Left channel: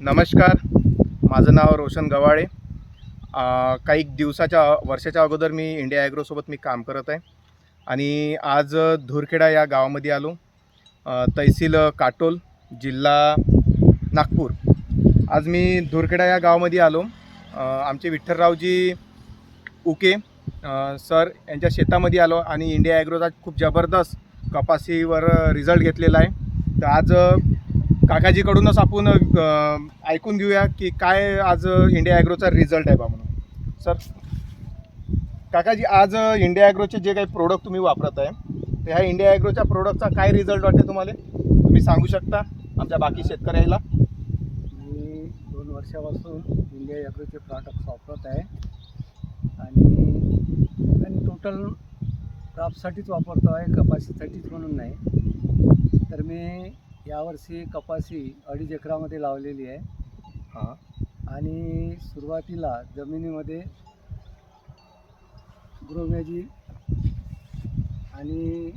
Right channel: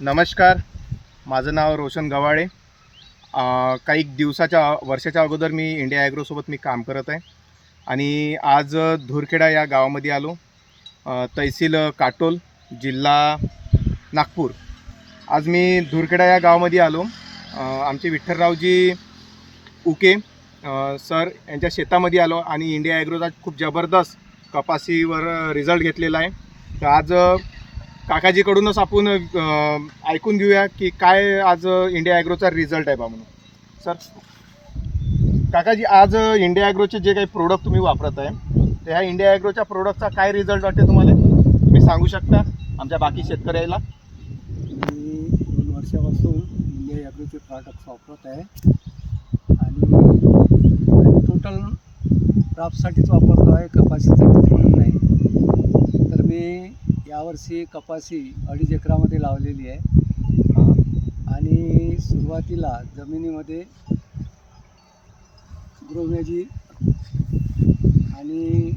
नमस्कार, माझं नाव रोशन गवाळे. काही वर्षाच्या अगोदर मी इंडिया ॲग्रोसोबत मी काम करत आहे आणि आज धुरखेडा या गावामध्ये आलो. तहसील काटोल, जिल्हा नागपूर. आज मी धुरखेडा या गावामध्ये आलो. आमचे विठ्ठलरावजी उके सर यांच्या शेतामध्ये आलो आणि इंडिया ॲग्रोचा खूप जबरदस्त कपासीवर रिझल्ट घेतलेला आहे. तर आज काकाजीकडूनच आपण ऐकून घेऊया की काय आज इंडिया ॲग्रोचा रिझल्ट आहे बा म्हणून. सर, काकाजी, आज इंडिया ॲग्रोचे जे काही प्रोडक्ट तुम्ही वापरत आहे, तर ह्या इंडिया ॲग्रोच्या प्रोडक्टचा काय रिझल्ट वाटते तुम्हाला? तुम्ही सांगू शकता आमच्या बाकी शेतकऱ्याला? मी 2 वर्षापासून इंडिया ॲग्रोचे प्रॉडक्ट्स वापरत आहे आणि टोटल क्रॉपसाठीच वापरतो आहे, कपाशीसाठीच म्हणून नाही. तर मी यावर्षी कपाशी 2.5 एकरामध्ये लावलेली आहे आणि सुरुवातीला जमिनीमध्ये ग्रोमॅजिक आणि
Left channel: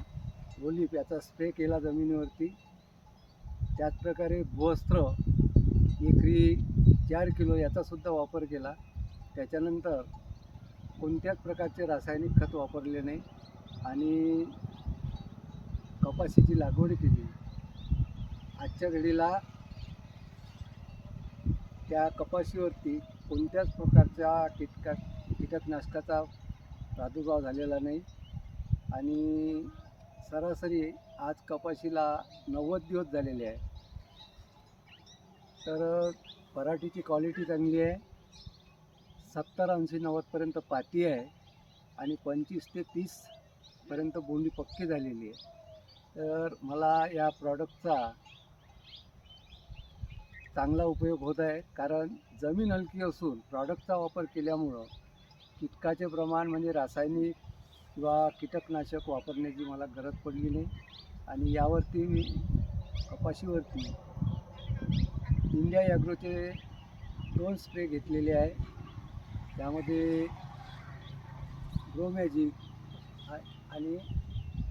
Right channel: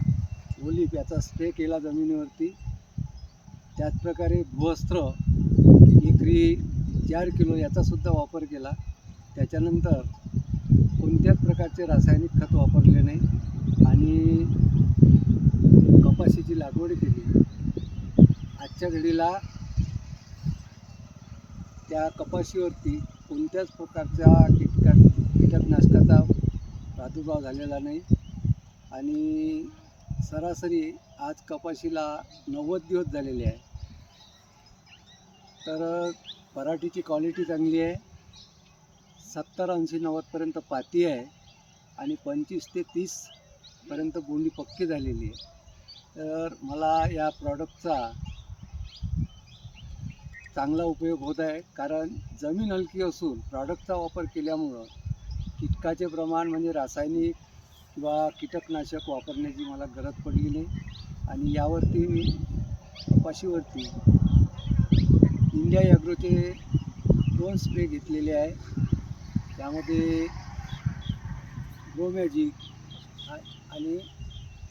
ओलिफ याचा स्प्रे केला जमिनीवरती. त्याचप्रकारे भूवस्त्र एकरी 4 किलो याचासुद्धा वापर केला. त्याच्यानंतर कोणत्याच प्रकारचे रासायनिक खत वापरले नाही आणि कपाशीची लागवड केली. आजच्या घडीला त्या कपाशीवरती कोणत्याच प्रकारच्या कीटकनाशकाचा प्रादुर्भाव झालेला नाही आणि सरासरी आज कपाशीला 90 दिवस झालेले आहे. तर पराठीची क्वालिटी चांगली आहे. 70-80-90पर्यंत पाती आहे आणि 25 ते 30 पर्यंत बोंडी पक्की झालेली आहे. तर मला या प्रॉडक्टचा चांगला उपयोग होत आहे, कारण जमीन हलकी असून प्रॉडक्टचा वापर केल्यामुळं कीटकाचे प्रमाण म्हणजे रासायनिक किंवा कीटकनाशक वापरण्याची मला गरज पडली नाही. आणि यावरती मी कपाशीवरती इंडिया ॲग्रोचे 2 स्प्रे घेतलेले आहे. त्यामध्ये ग्रोमॅजिक आणि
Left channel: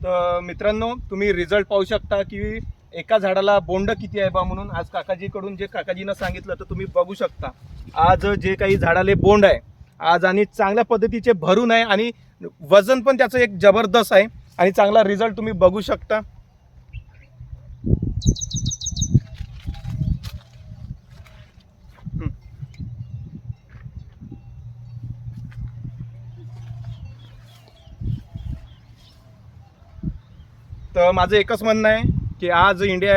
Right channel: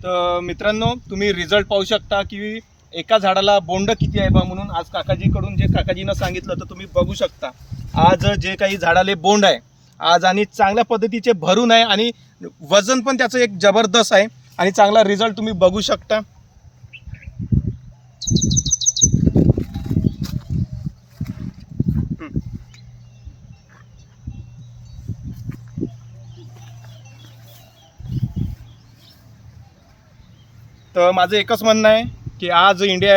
तर मित्रांनो, तुम्ही रिझल्ट पाहू शकता की एका झाडाला बोंड किती आहे बा म्हणून. आज काकाजीकडून जे काकाजीनं सांगितलं तर तुम्ही बघू शकता. आज जे काही झाडाले बोंड आहे आज आणि चांगल्या पद्धतीचे भरून आहे आणि वजन पण त्याचं एक जबरदस्त आहे आणि चांगला रिझल्ट तुम्ही बघू शकता. तर माझं एकच म्हणणं आहे की आज इंडिया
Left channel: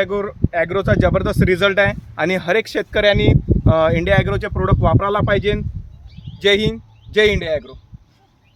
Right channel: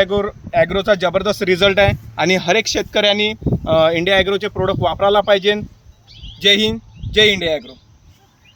ॲग्रोचा जबरदस्त रिझल्ट आहे आणि हर एक शेतकऱ्यांनी इंडिया ॲग्रोचे प्रोडक्ट वापरायला पाहिजे. जय हिंद, जय इंडिया ॲग्रो.